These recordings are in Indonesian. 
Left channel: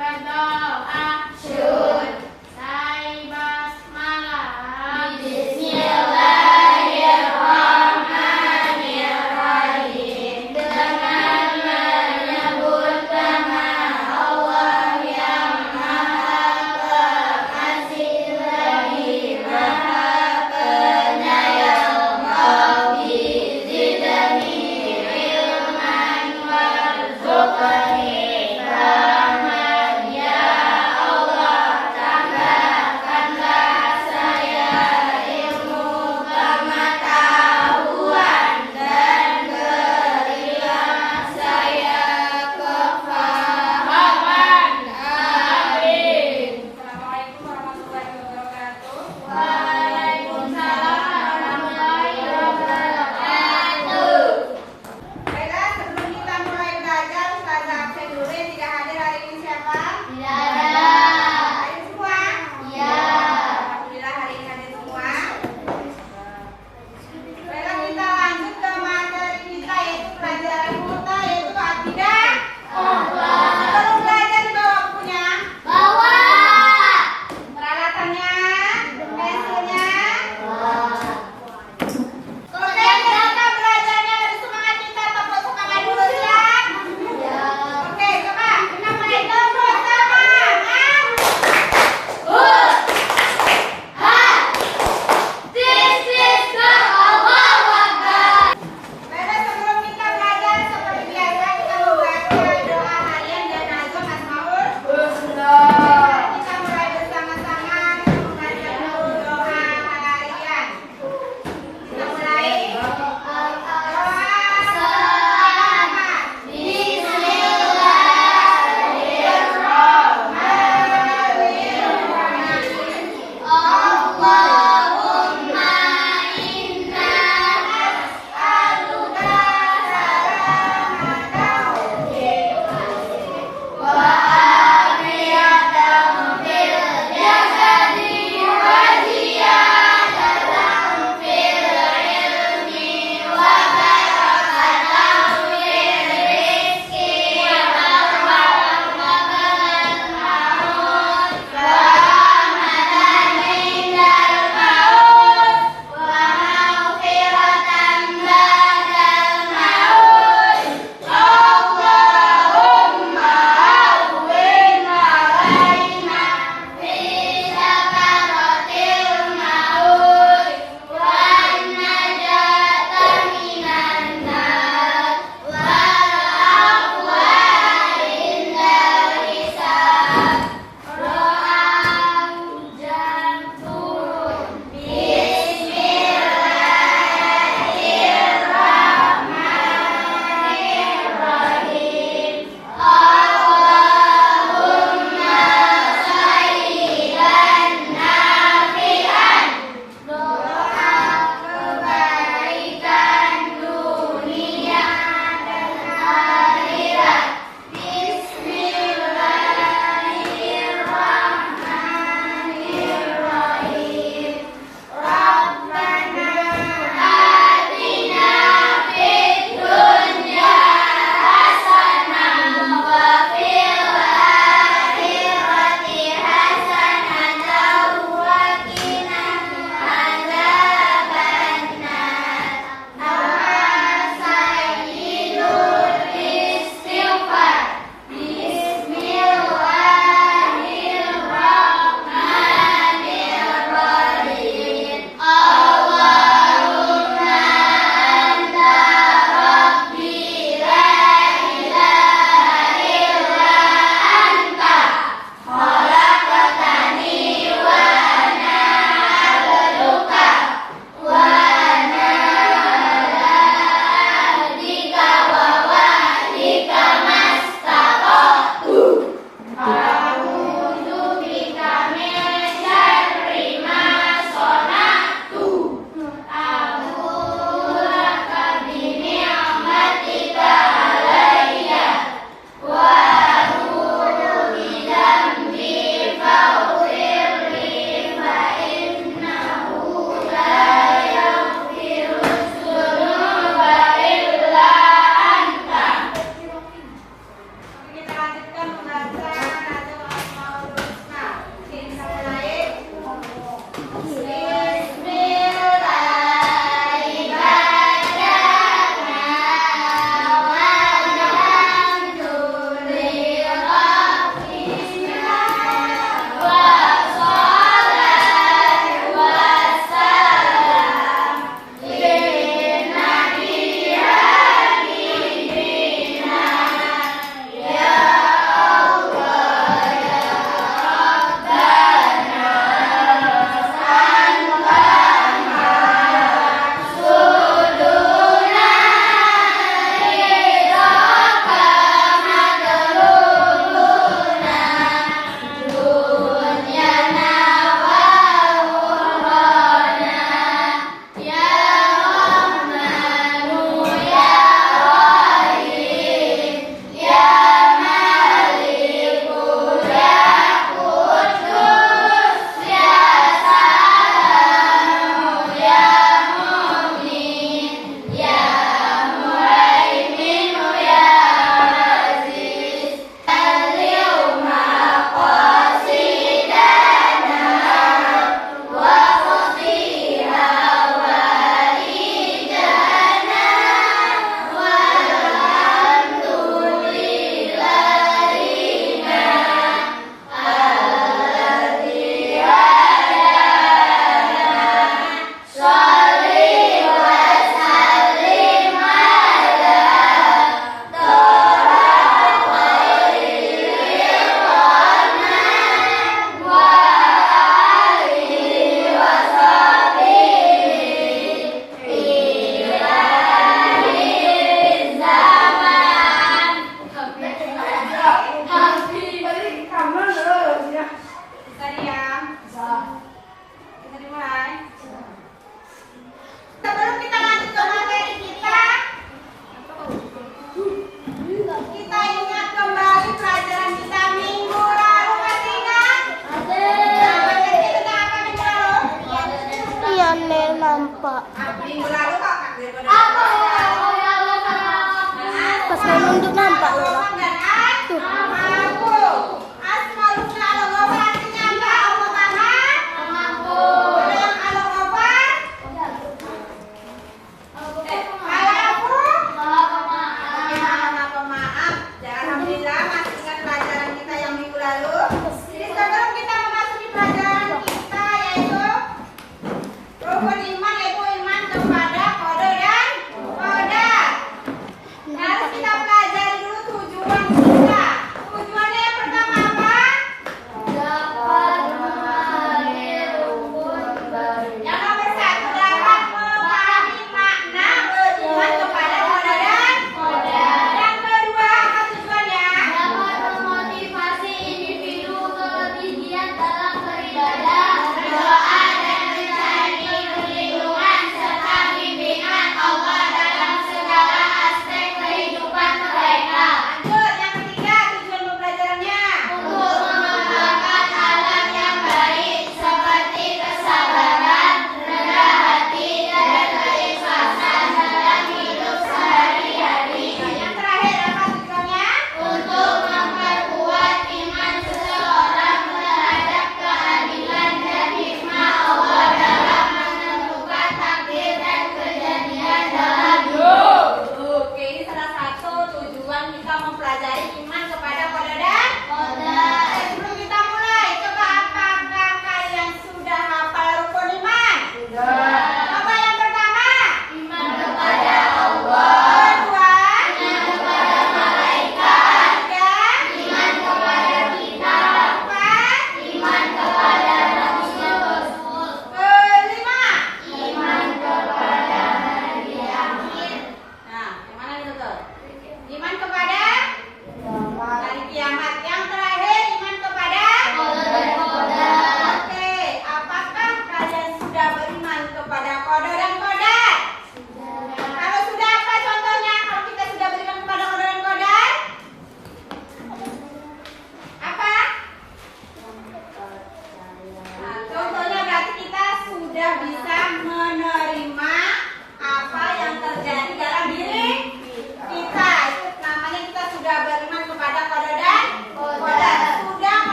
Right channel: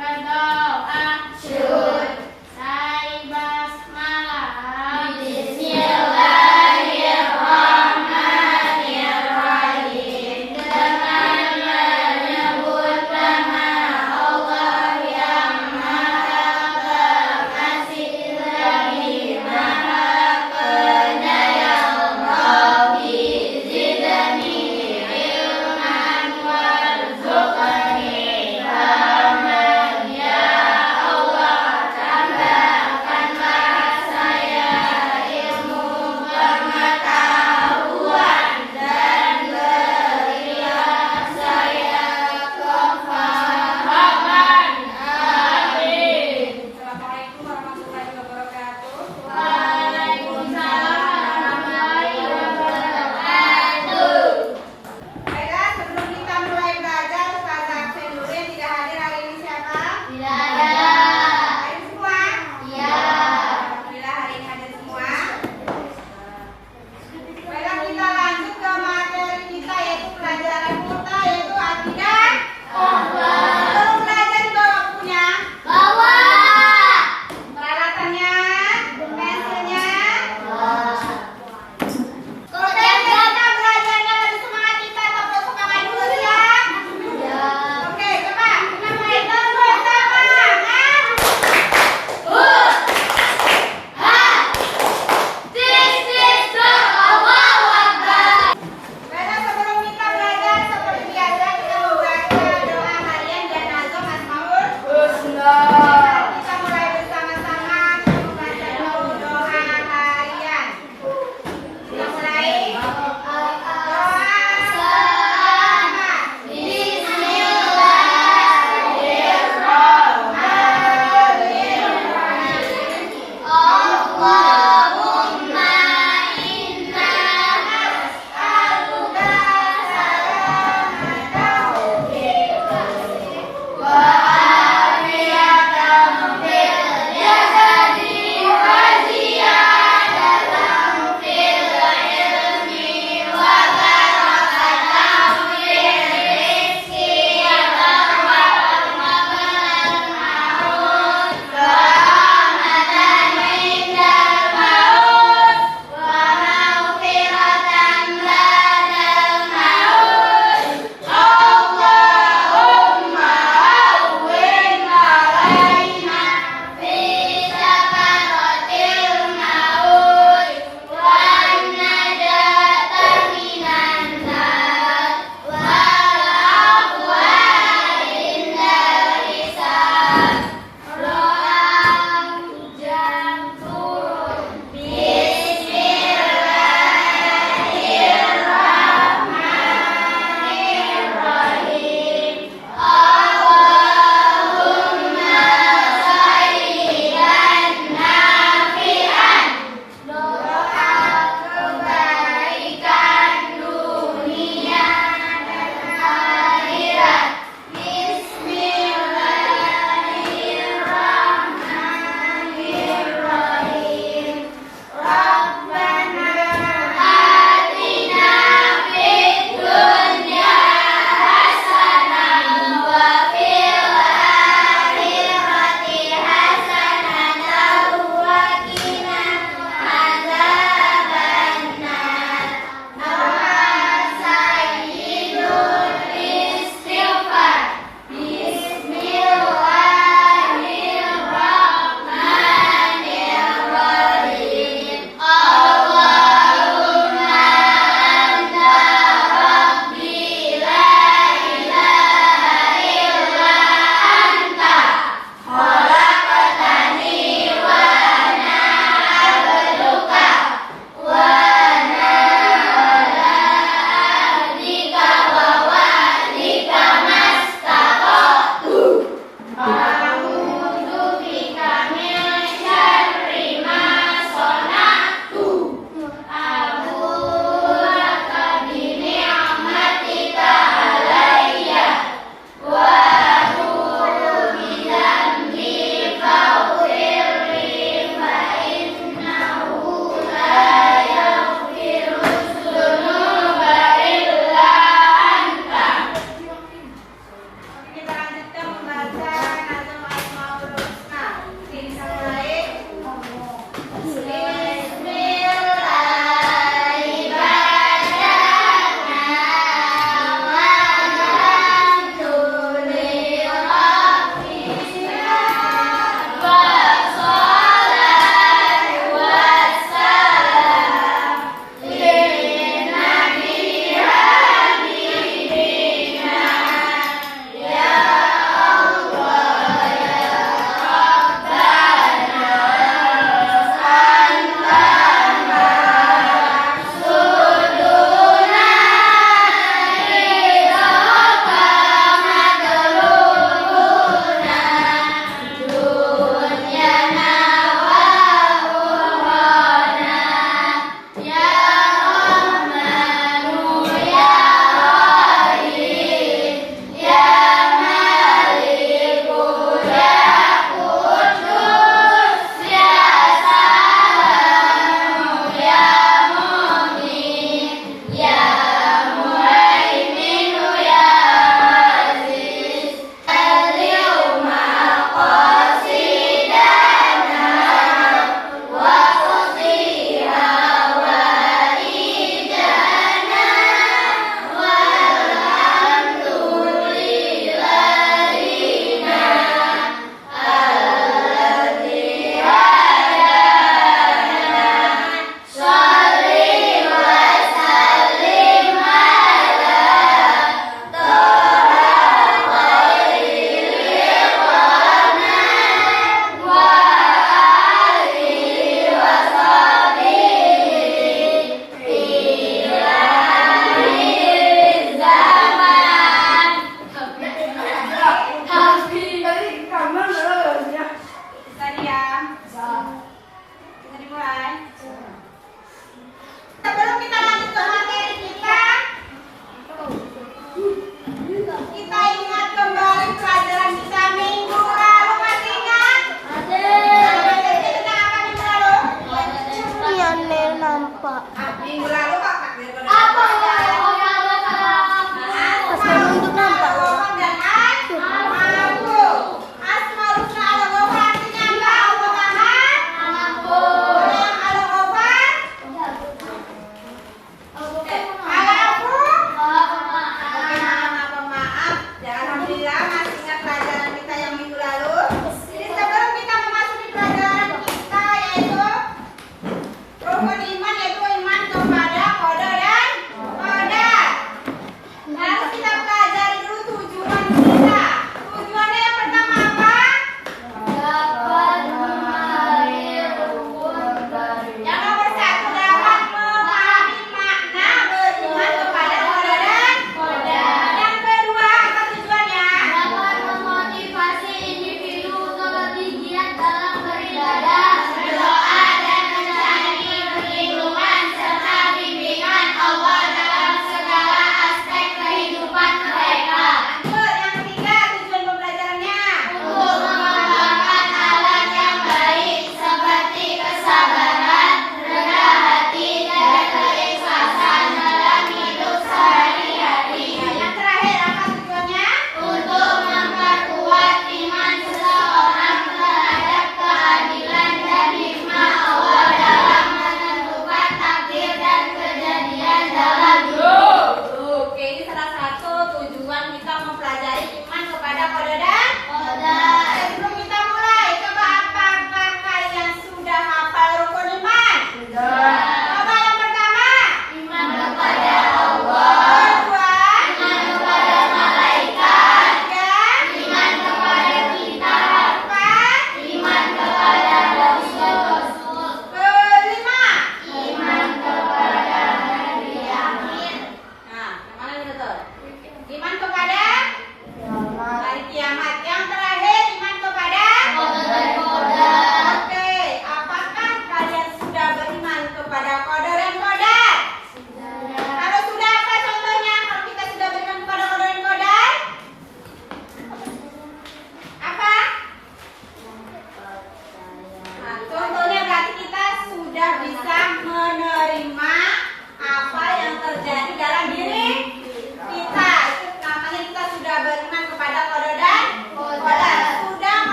berdoa. Saya basmalah. Bismillahirrahmanirrahim. Dengan menyebut nama Allah yang Maha Pengasih lagi Maha Penyayang. Rabbi zidni ilman warzuqni ilman. Ya Allah,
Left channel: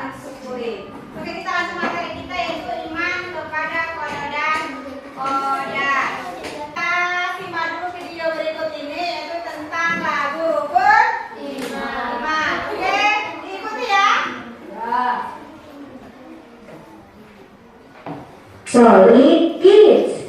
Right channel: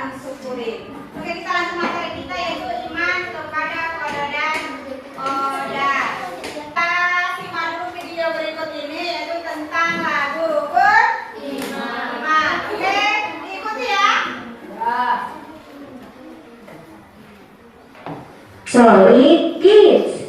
mensyukuri. Oke, kita langsung materi kita yaitu iman kepada qada dan qadar. Kita simak dulu video berikut ini yaitu tentang lagu rukun iman. Oke, ikuti ya. Solid Kids.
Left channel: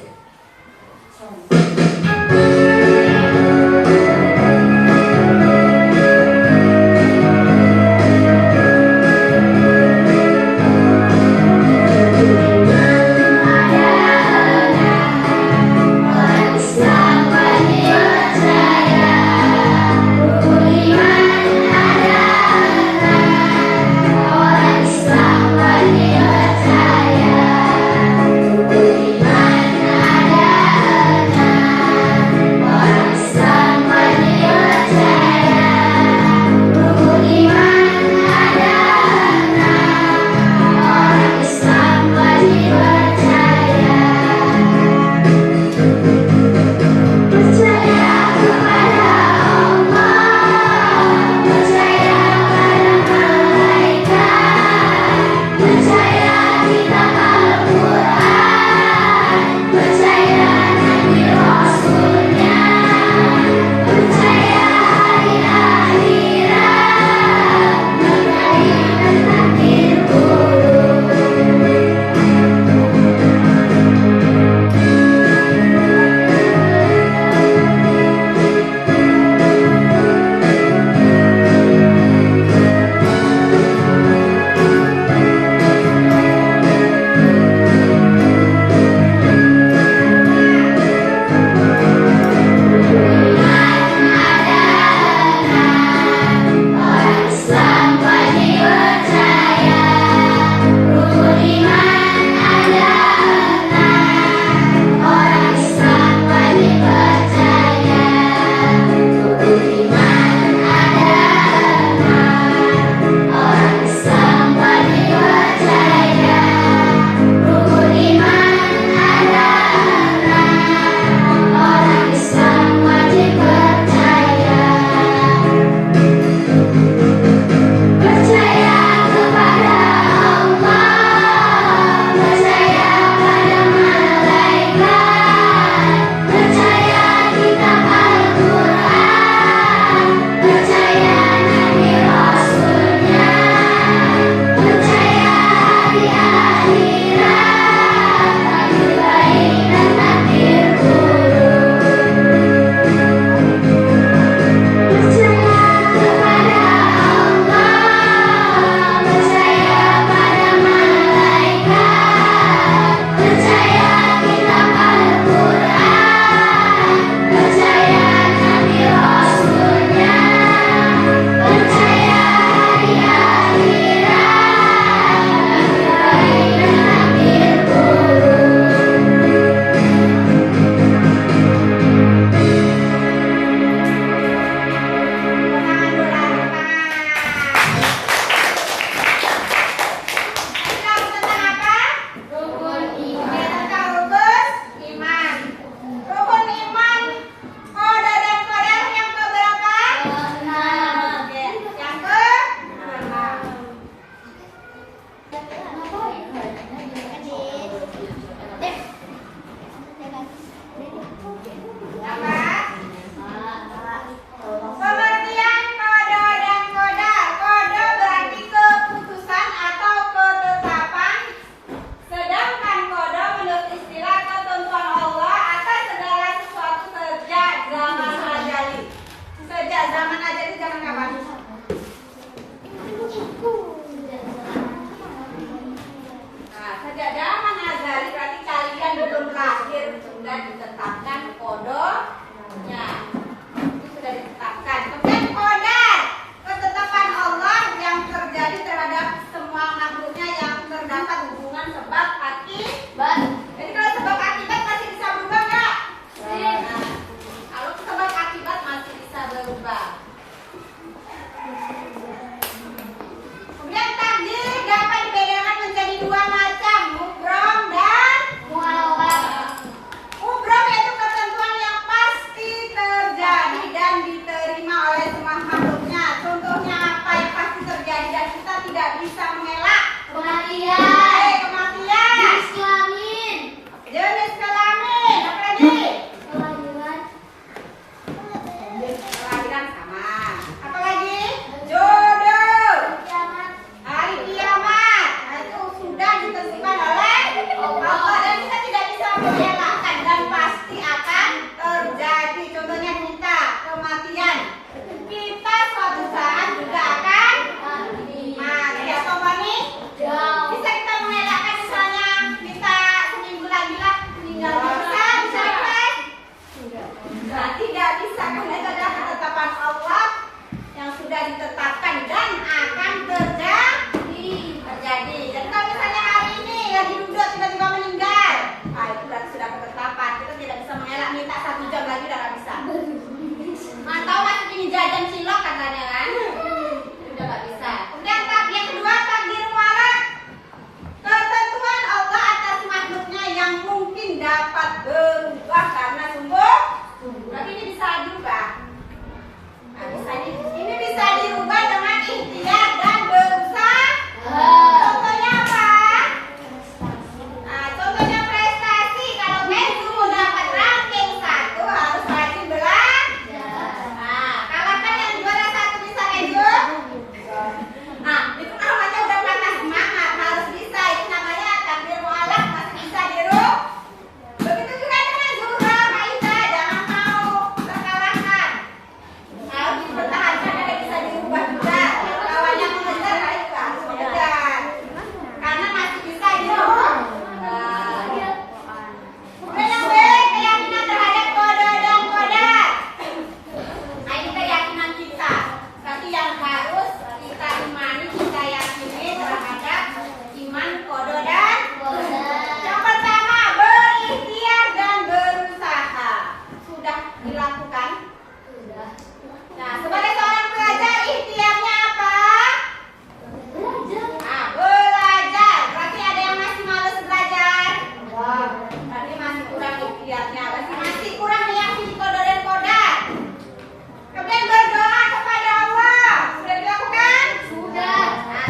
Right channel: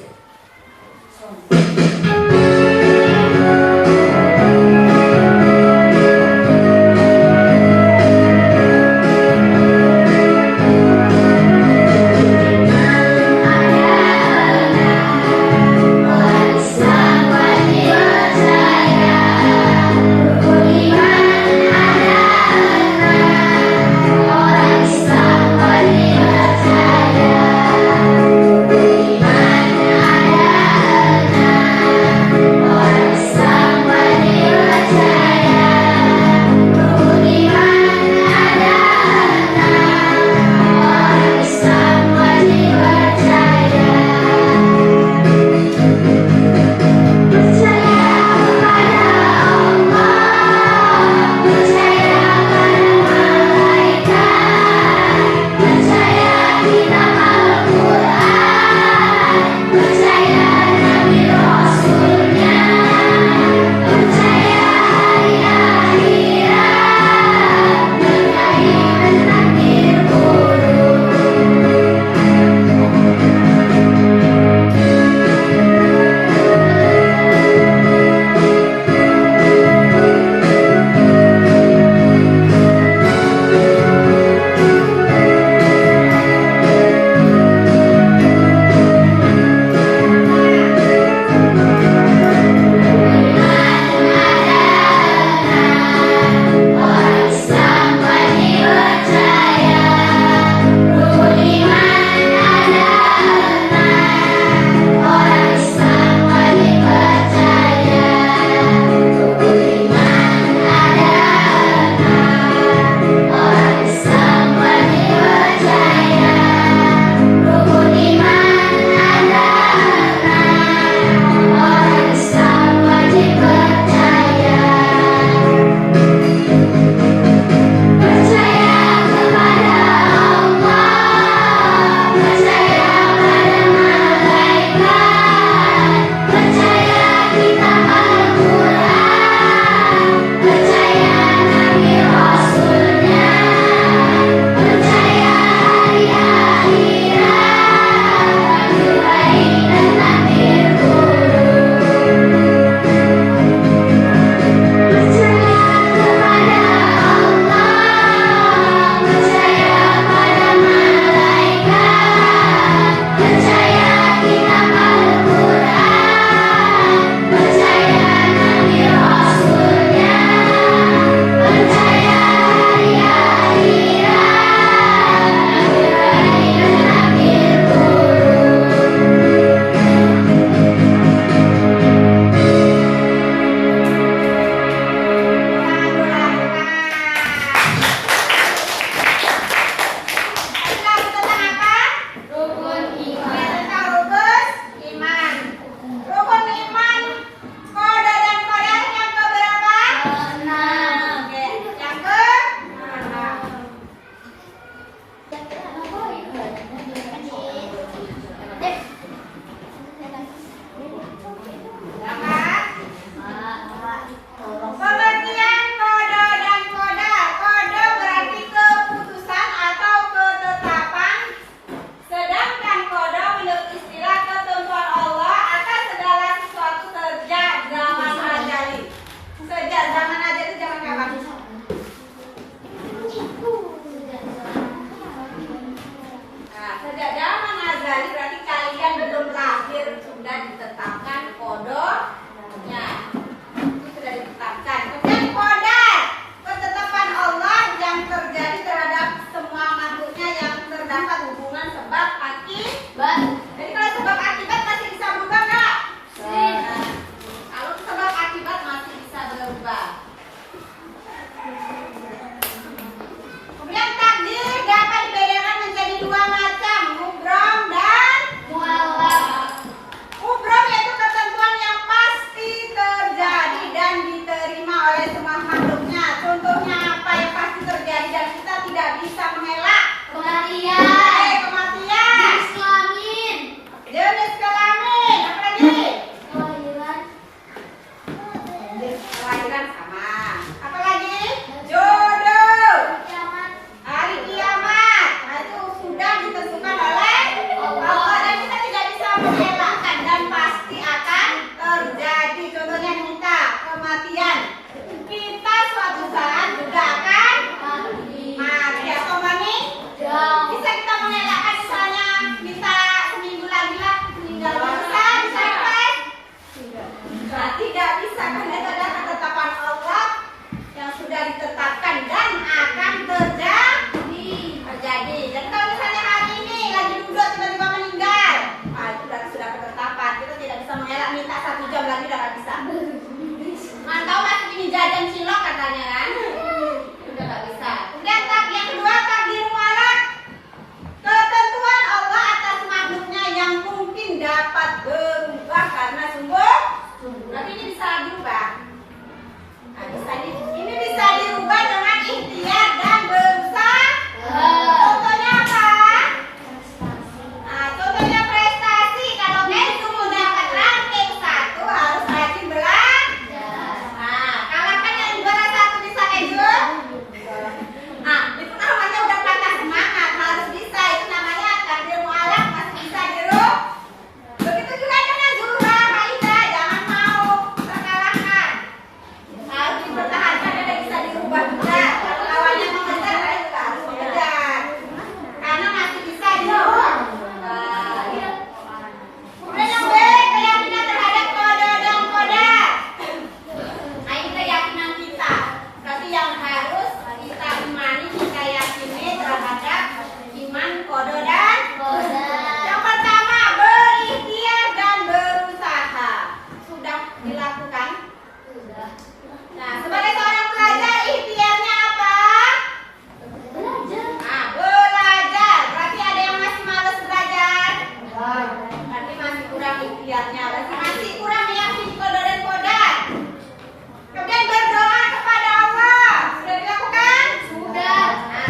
tidak bisa mengelak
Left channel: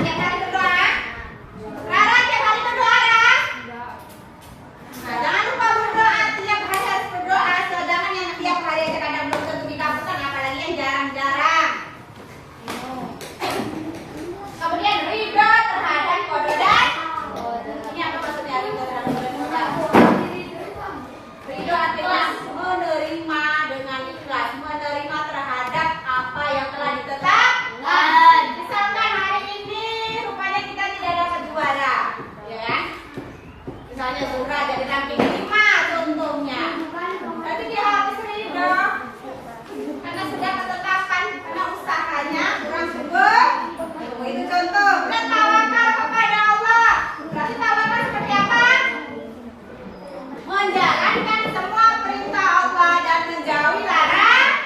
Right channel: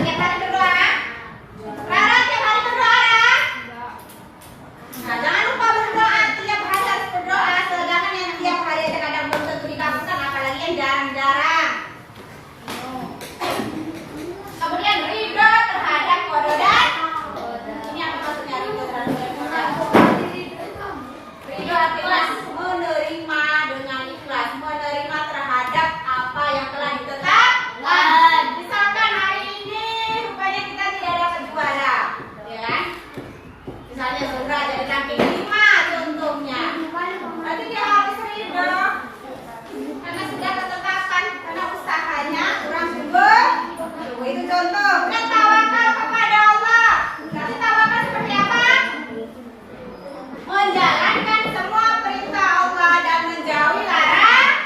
tiap hari berdoa? Rara tiap hari berdoa, Rara? Nah, jangan lupa berdoa, tiap hari harus berdoa. Sedangkan yang tiap hari aja kadang belum tentu dikabulkan, apalagi yang jarang-jarang. Kemudian ridho terhadap qada dan ini apa maksudnya ridho terhadap qada? Ridho artinya menerima dengan ikhlas, menerima terhadap apa yang telah ditetapkan. Misalkan hari ini rupanya kita tidak dapat juara, ya kan? Misalnya Zura jadi ranking 5 contohnya. Berarti dia harus ridho karena sudah ketetapan, karena usahanya kurang sungguh. Itu contoh. Dan tawakal kepada Allah. Berarti tawakal seperti apa? Menjalankan semua perintah Allah dan menjauhi larangannya.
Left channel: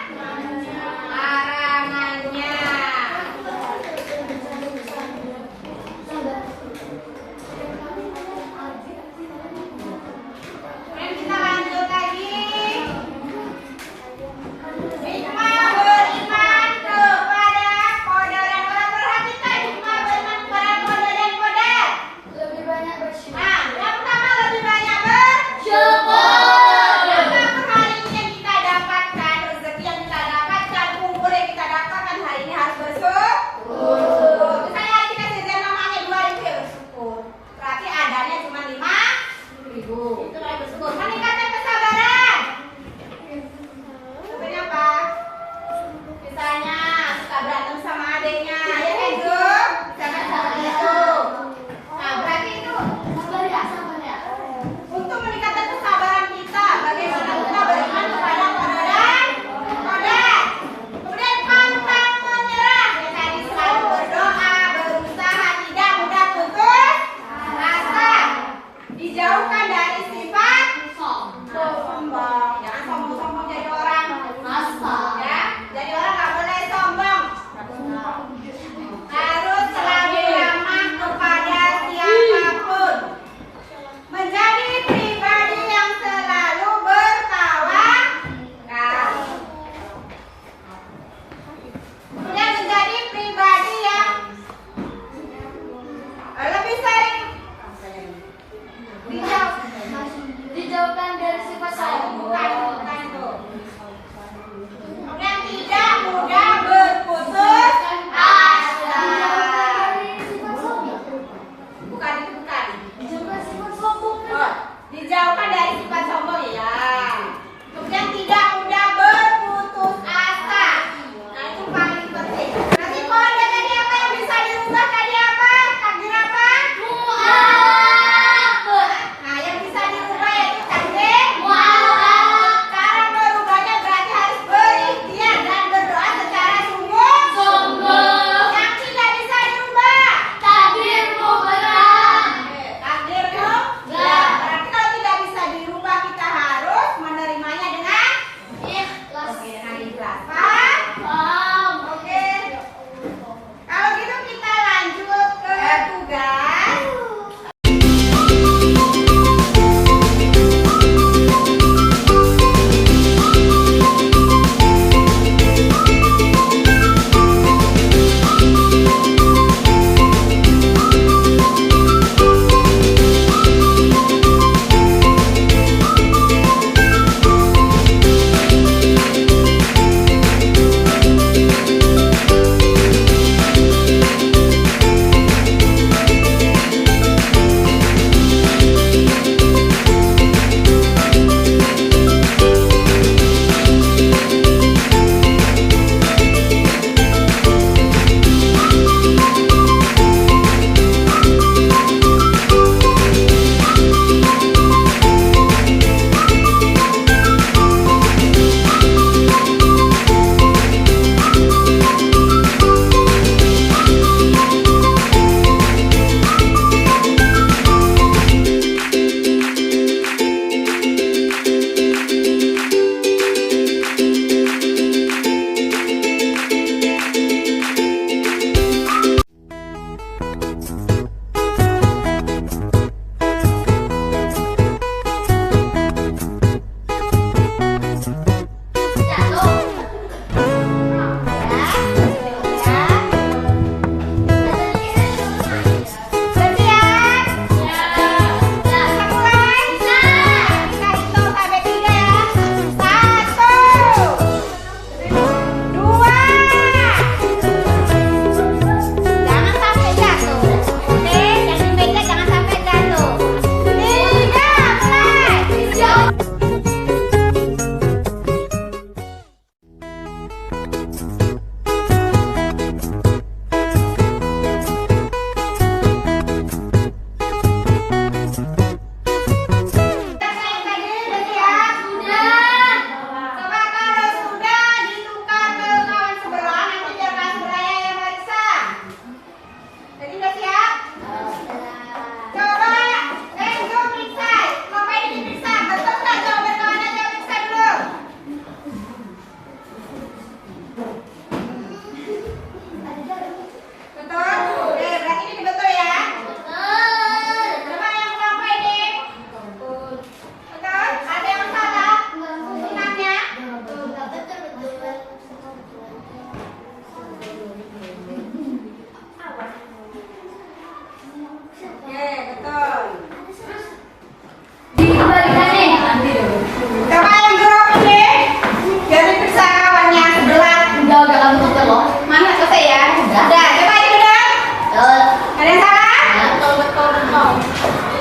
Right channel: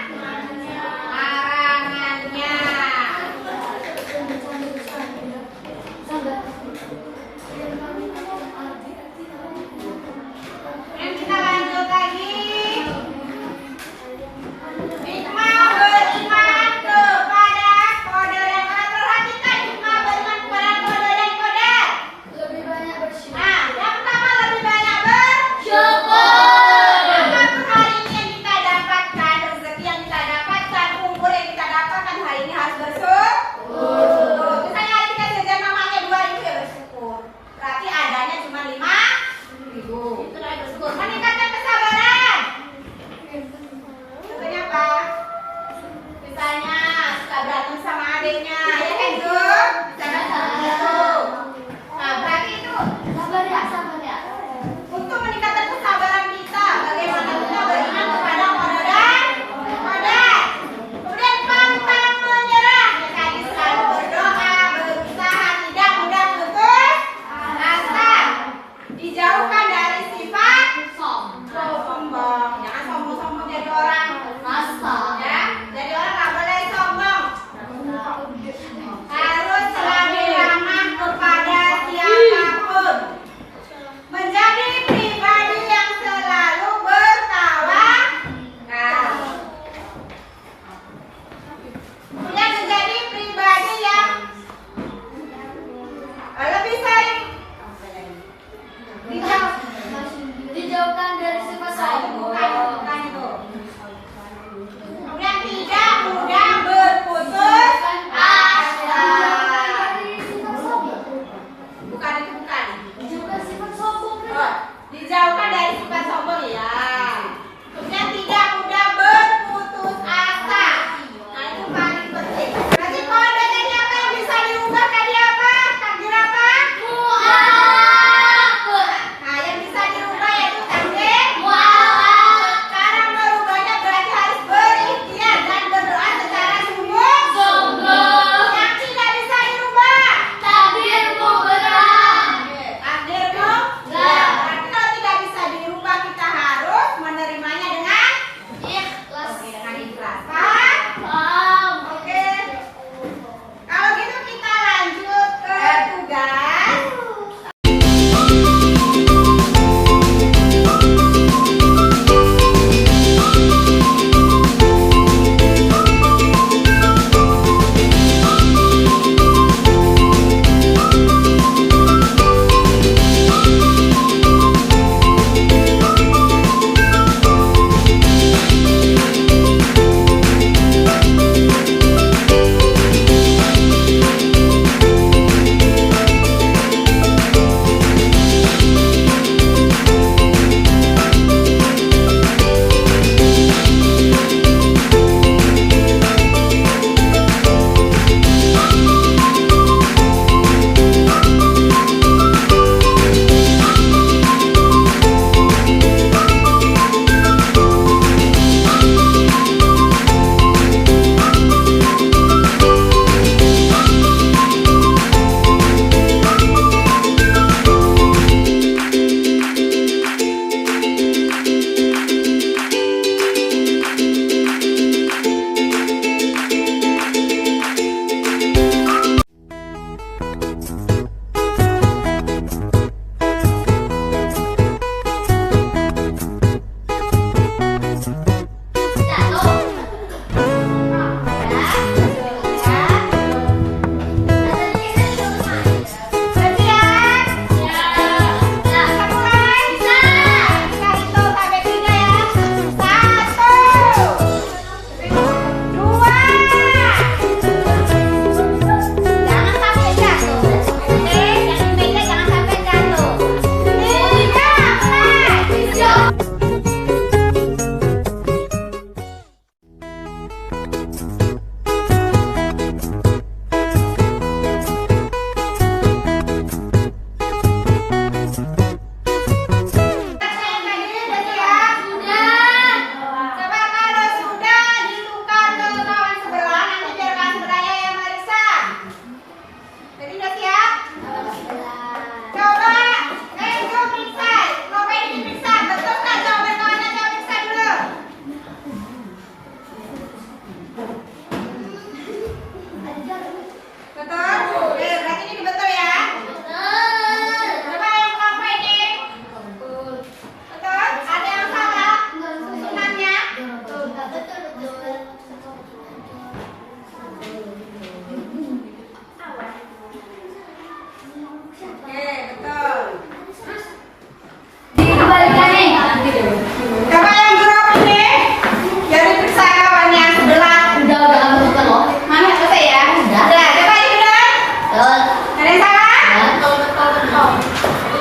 Ada yang salah? Betul.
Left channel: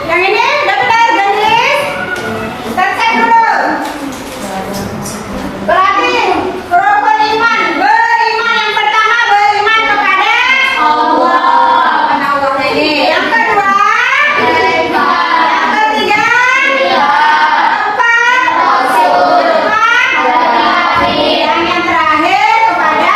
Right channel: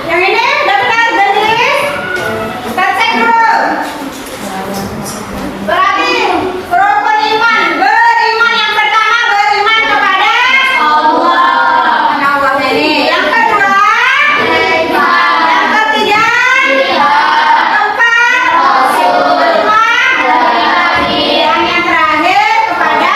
Yang ini udah benar, Denis. Kita cek dulu. Berarti rukun iman, beriman yang pertama beriman kepada Allah ini. Yang kedua, yang ketiga, keempat, yang terakhir kepada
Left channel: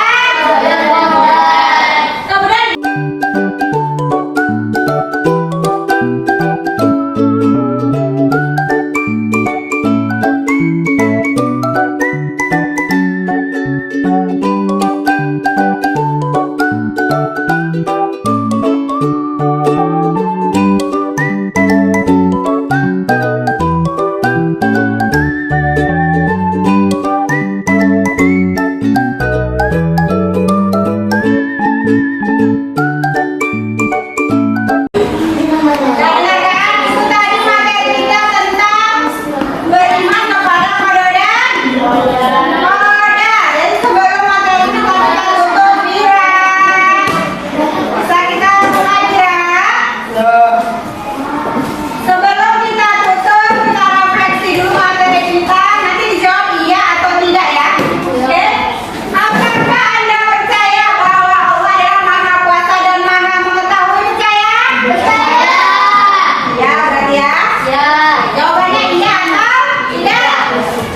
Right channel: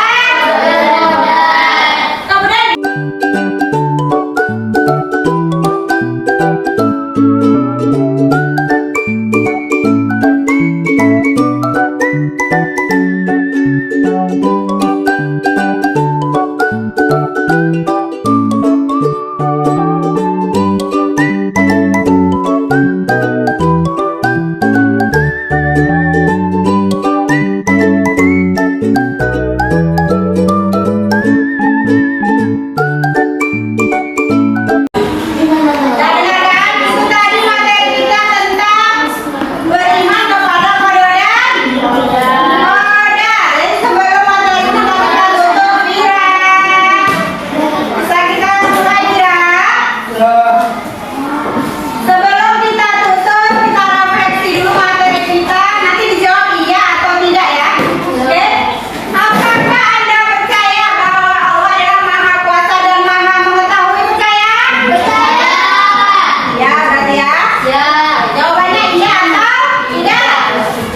kemudian dengarkan itu tadi materi kita tentang beriman kepada koda dan koda. Jadi sebelum materi itu kita tutup Bira. Bisa kita mulai Bira? Sebelum kita tutup kita refleksi dulu materi kita. Nanti dijawab iya atau tidak ya. Oke? Apakah Anda percaya bahwa Allah adalah Maha Kuasa dan Maha Mengetahui? Percaya? Ya, berarti ya? Jawabannya iya atau tidak?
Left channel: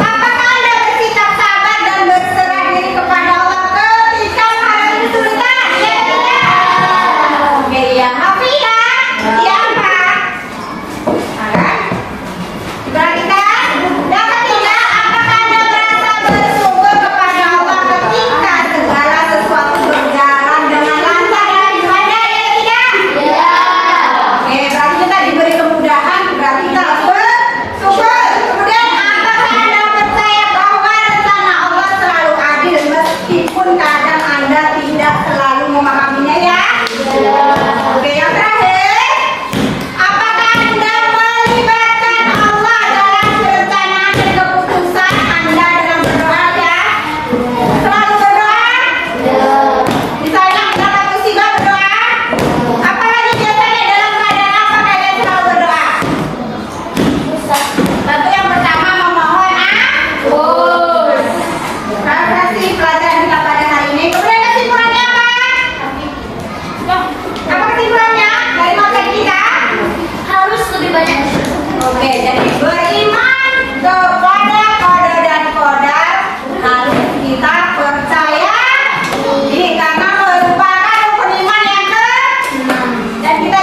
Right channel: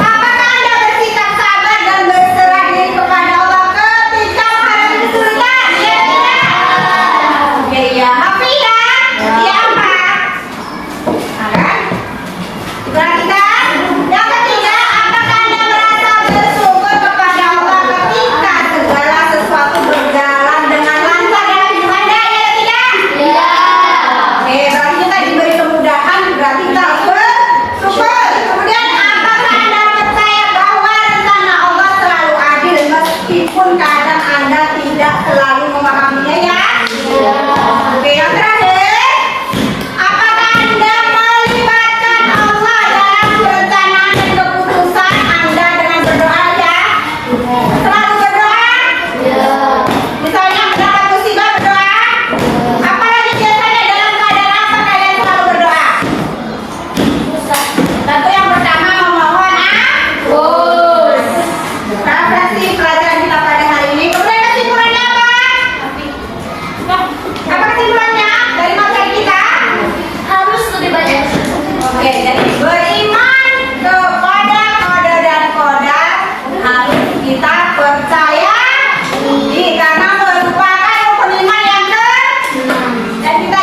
Apakah Anda bersikap sabar dan berserah diri kepada Allah ketika menghadapi kesulitan? Iya atau tidak? Oke, iya. Hafia? Iya apa? Nah, kan? Diperhatikan. Yang ketiga, apakah Anda merasa bersyukur kepada Allah ketika segala sesuatu berjalan dengan lancar dalam hidup Anda? Iya atau tidak? Oke, berarti kita diberi kemudahan, berarti kita harus bersyukur. Kemudian, apakah Anda percaya bahwa rencana Allah selalu adil meskipun kadang Anda tidak selalu memahaminya ya? Oke, yang terakhir, apakah Anda melibatkan Allah dalam perencanaan dan keputusan Anda dengan berdoa ya? Selalu berdoa? Misalnya mendapat musibah berdoa? Apalagi biasanya dalam keadaan apa kalian selalu berdoa? Tentu yang pertama memohon ampun. Refleksi pelajaran kita pada hari ini. Kemudian kesimpulannya apa? Apa kesimpulannya dari materi kita? Harus lebih banyak. Oke, jadi beriman kepada kode dan kodar harus kita percaya karena merupakan rukun iman yang dan kita